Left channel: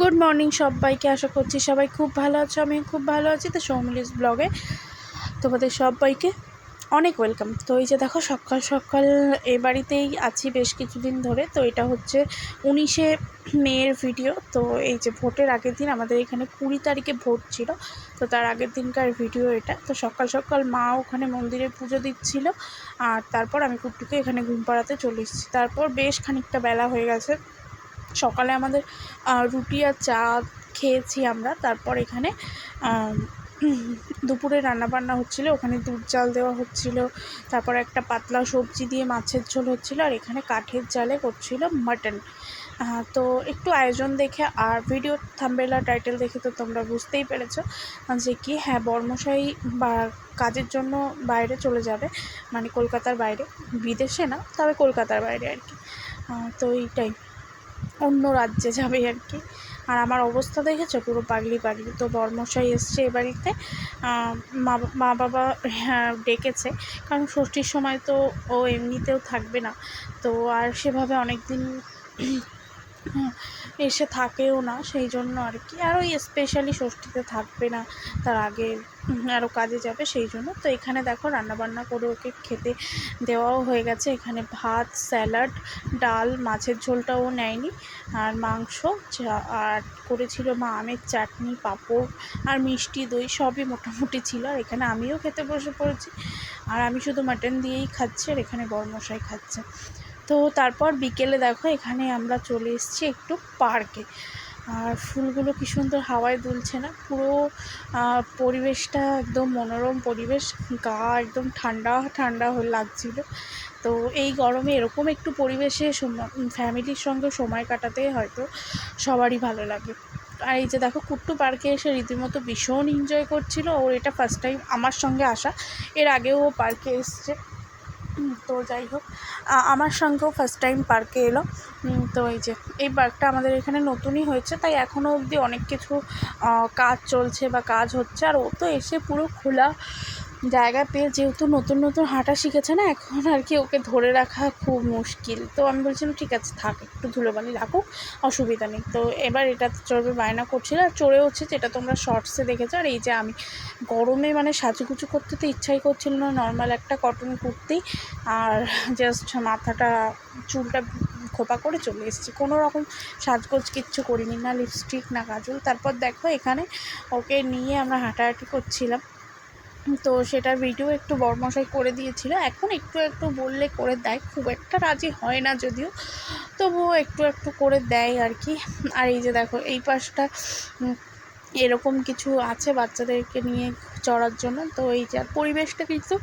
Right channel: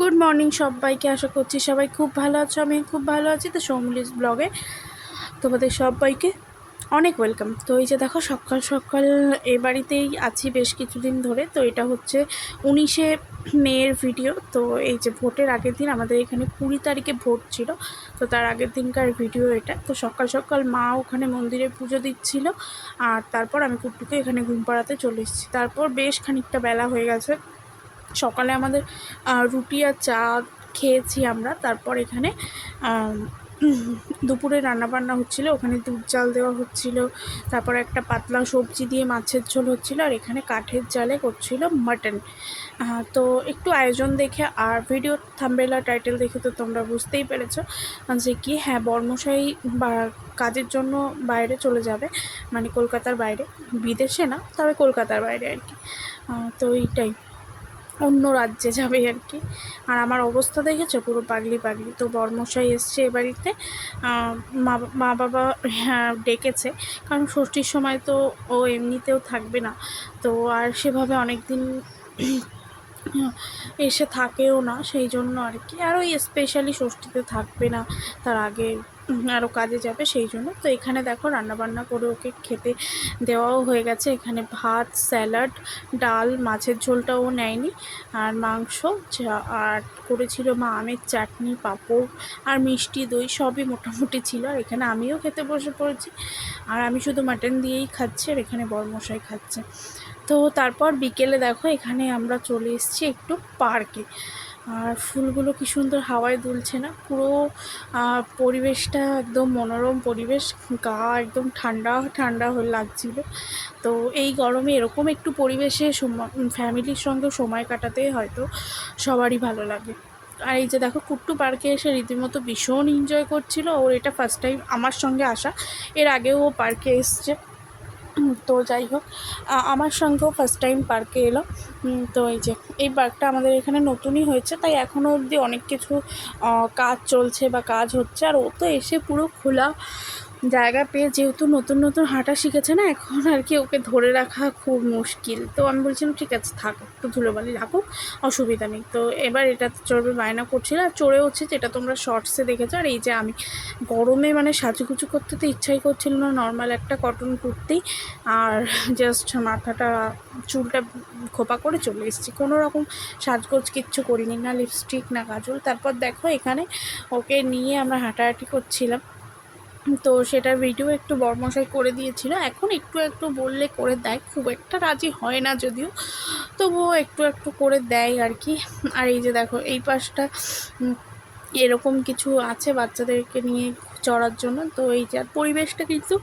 Good morning সবাইকে। আশা করছি সবাই খুব ভালো আছো, আমি খুব ভালো আছি। তো সৌমিলিস ব্লগে তোমাদের সবাইকে অনেক ওয়েলকাম। তো এই যে দেখো সকাল সকাল এ বাড়িতেই আছি বেশ কিছুদিন ধরে। তো এটা হচ্ছে 19শে মের ভিডিও। তো এই যে ভোটের আগের দিন আমাদের এখানে 20 তারিখে ভোট ছিল, তো তার আগের দিনকার ভিডিও এটা। তো সকাল সকাল মা ওখানে মন্দিরে পুজো দিচ্ছিল, আর তারপর আমি কুট্টুকে এখানে ঘুম পাড়াতে চলে এসেছি। তারপর বেশ খানিকটা বেলা হয়ে গেছে। সকালে আমাদের রুটি আর চা খেয়েছি আমরা। তারপর এখানে দুপুরে রান্নাবান্না হচ্ছিলো, ওখানে দুধ চাল দেওয়া হচ্ছিলো, তারপর একটা পাতলা সবজি দিয়ে মাছের ঝোল হচ্ছিলো, আর এখানে কাঠের জালে করছিল মাটন। তো একটু আয়োজন দেখে আর ভিডিও থাম্বনেল আর টাইটেল দেখে তো তোমরা বুঝতেই পেরেছো যে কি, হ্যাঁ বর্মশাই বা কাজের জন্য বাইরে চলে যাবে, মানে কলকাতার বাইরে, বিদেশে না তবে কলকাতার বাইরে আর কি। তো এইটাই, অন্য রাজ্যে যাবে আর কি। আর আমার অবস্থা দেখেছো, পুরো পাগলি পাগলি। তো বরমশাই এসছে এ বাড়িতে, মা বাবা ডেকেছে, কারণ ষষ্ঠীর সময় তো ও এমনিতেও থাকবে না। তো আর সেভাবে অনেক দিন এসে থাকেও না, সেই জন্য আর কি। আর ওই স্পেশালি ষষ্ঠীতে থাকবে না, তার আগে আরও কাজে যাবে, সেই জন্য। তো এখানে দেখো রান্নাবান্না করে ওকে খেতে দেওয়াও হয়ে গেছে। এখানে ভাত, স্যালাড, ডাল, মাছের ঝোলটাও নেয়নি, আর মাংস, আর করেছিল মা আমের চাটনি, পাঁপড় আর মিষ্টি দই, সবই মোটামুটি ছিল। আর এখানে আমিও খেতে বসে পড়েছি, আর আমি শুধু মাটন দিয়েই খাচ্ছি, আর এখানে বরমশাই খাচ্ছে। তো তারপর বিকেলে দেখো এখানে আমরা চলে এসেছি একটু পার্কে। আর ফুলগুলো কি সুন্দর হাওয়ায় দুলছে না, পুরো পরিবেশটা একদম মনোরম পরিবেশ, গা একদম ঠান্ডা ঠান্ডা হয়ে লাগছিল। তো এই গরমে এরকম একটু পরিবেশে ফ্যামিলির সঙ্গে সময় কাটাতে হয়তো সবারই ভালো লাগে। আর এই যে দেখো কুট্টু পার্কে এসে রীতিমতো ভীষণ এনজয় করছিল। ওর এটা ফার্স্ট টাইম আমার সঙ্গে আসা, এর আগেও ও পার্কে এসছে। তো যাই হোক, আমার সঙ্গেও ফার্স্ট টাইম পার্কে এলো। তো এই যে এই পার্কটা আমাদের এখানে নতুনই হয়েছে, তাই এখনও অবধি অনেক কিছু কাজ চলছে বা কাজ হচ্ছে। আর ও তো এসে পুরো খোলা জায়গা পেয়ে, যেহেতু নতুন নতুন হাঁটা শিখেছে না, এখন আর কি ওকে ধরে রাখা খুব মুশকিল। তো আমি বলছিলাম ঠিক আছে থাক, একটু ধুলোবালি রাখুক, অসুবিধা নেই। তো এবার এটা চড়বে বায়না করছিল, আর চড়ে হচ্ছে, যেটা তোমরা শর্টসে দেখেছো। আর এই যে আমি গরমে মানে সাজুগুজু করতে তো ইচ্ছাই করছিল না, নর্মাল একটা কটন কুর্তি আর জাস্ট মাথাটা চুলটা খোপা করে চলে এসেছি, কোনো রকম সাজগোজ কিচ্ছু করিনি, না লিপস্টিক না কাজল। তারপর দেখো এখানে ওকে নিয়ে আমরা হাঁটাহাঁটি করছিলাম, তো সেটার ভিডিও একটু বরমশাই করে দিয়েছিল। এখন একটু একটু বললে করে দেয়, খুব একটা রাজি হয় না যদিও, তবুও একটু একটু করে দেয় আর কি। আর এই যে দেখো এই পাশটা এরকম কিছু আছে বাচ্চাদেরকে নিয়ে চড়ার জন্য। তো এই যে পরিবেশটা কিন্তু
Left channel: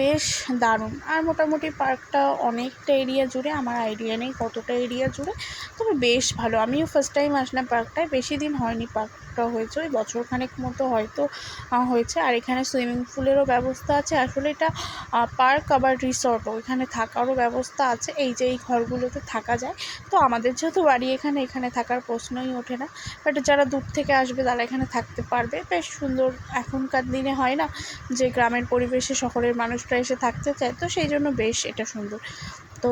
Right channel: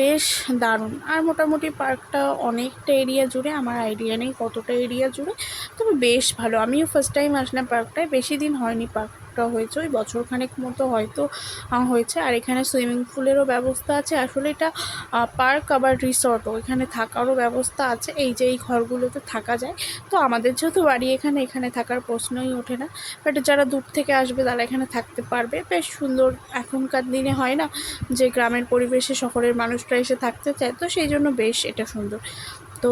বেশ দারুণ। আর মোটামুটি পার্কটা অনেকটা এরিয়া জুড়ে, আমার আইডিয়া নেই কতটা এরিয়া জুড়ে, তবে বেশ ভালো। আমিও ফার্স্ট টাইম আসলাম পার্কটায়, বেশি দিন হয়নি পার্কটা হয়েছে, ওই বছরখানেক মতো হয়তো হয়েছে। আর এখানে সুইমিং পুলেরও ব্যবস্থা আছে। আসলে এটা পার্ক আবার রিসর্টও, এখানে থাকারও ব্যবস্থা আছে। এই যে এই ঘরগুলোতে থাকা যায়। তো আমাদের যেহেতু বাড়ি এখানে, এখানে থাকার প্রশ্নই ওঠে না, বাট যারা দূর থেকে আসবে তারা এখানে থাকতে পারবে। বেশ সুন্দর, এখনকার দিনে হয় না যে গ্রামের পরিবেশে শহরের মানুষরা এসে থাকতে চায়, তো সেই জন্য বেশ এটা সুন্দর। তো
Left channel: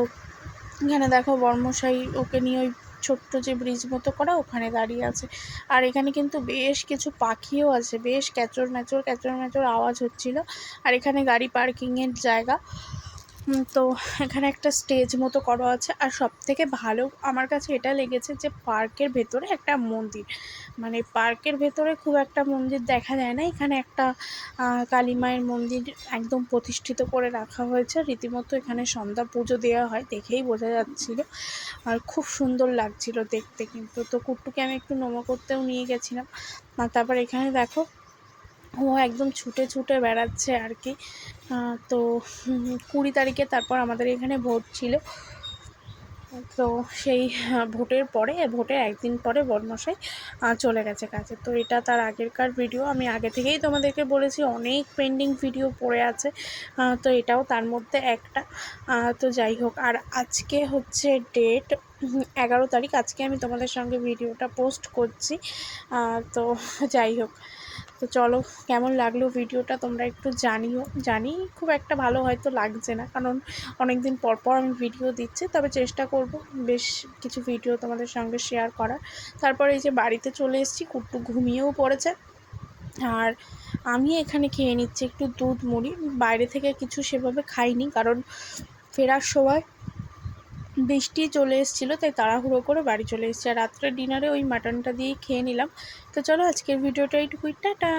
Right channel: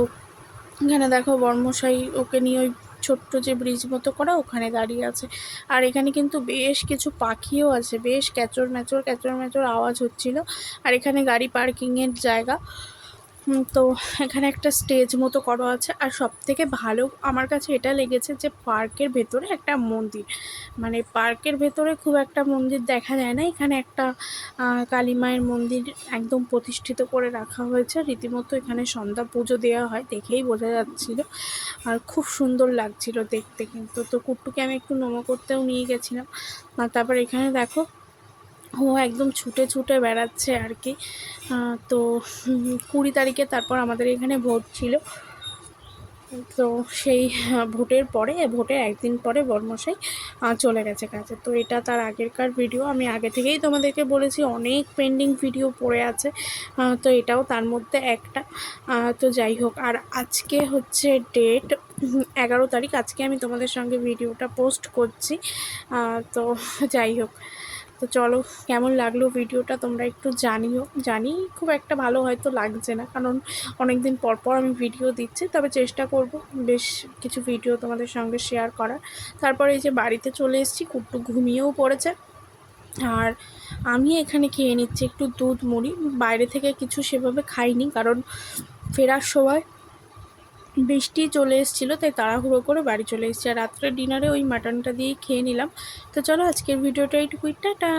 এখানে দেখো বর্মশাই ওকে নিয়ে ওই ছোট্ট যে ব্রিজ মতো করা, ওখানে দাঁড়িয়ে আছে। আর এখানে কিন্তু বেশ কিছু পাখিও আছে, বেশ ক্যাচর ম্যাচর ক্যাচর ম্যাচর আওয়াজ হচ্ছিল। আর এখানে গাড়ি পার্কিংয়ের জায়গা। তো এখানে একটা স্টেজ মতো করা আছে। আর সবথেকে ভালো আমার কাছে এটা লেগেছে যে পার্কের ভেতরে একটা মন্দির, মানে পার্কের ভেতরে খুব একটা মন্দির দেখা যায় না, এখানে একটা কালী মায়ের মন্দির একদম প্রতিষ্ঠিত করে রাখা হয়েছে। রীতিমতো এখানে সন্ধ্যা পুজো দেওয়া হয়, দেখেই বোঝা যাচ্ছিল। আর খুব সুন্দর লাগছিল দেখতে কিন্তু। তো কুট্টুকে আমি একটু নমো করতেও নিয়ে গেছিলাম। আর তারপর এখানে দেখো ও একদম ছুটে ছুটে বেড়াচ্ছে আর কি। তো 20 তারিখে তারপর আমাদের এখানে ভোট ছিল। তো সেই ভোটের পরে, ভোটের একদিন পরে বরমশাই চলে গেছে কাজে। তো এটা তার আগেরকার ভিডিও, আমি আগে থেকেই তোমাদেরকে বলেছি অনেক পেন্ডিং ভিডিও পড়ে আছে, তো এটাও তার মধ্যে একটা। তো যাই হোক, আর আজকে হচ্ছে ডেট 11 তারিখ, আজকে আমি তোমাদের সঙ্গে ভিডিওটা পোস্ট করছি। তো যাই হোক, তো চলো, কেমন লাগলো ভিডিওটা তোমরা একটু জানিও। জানি খুব একটা ভালো হয়তো লাগছে না, কারণ অনেক দিন পর পর আমি ভিডিও দিচ্ছি, তবে চেষ্টা করব বেশ কিছু ভিডিও তোমাদের সঙ্গে শেয়ার করার। তারপরে এই যে বাড়িতে চলে এসেছি, কুট্টু ঘুমিয়েও পড়েছে, আর আমি এখানে খেয়ে নিচ্ছি একটু দুধ মুড়ি। বাইরে থেকে কিছু সেভাবে খাইনি, কারণ ফেরার সময় বৃষ্টি চলে এসেছিলো, তাই তাড়াহুড়ো করে বাড়ি চলে এসেছি। আর রাত্রে ডিনারে ওই মাটনটা দিয়েই খেয়ে নিলাম। তো চলো, আজকের ভিডিওটা এইটুকুই, টাটা।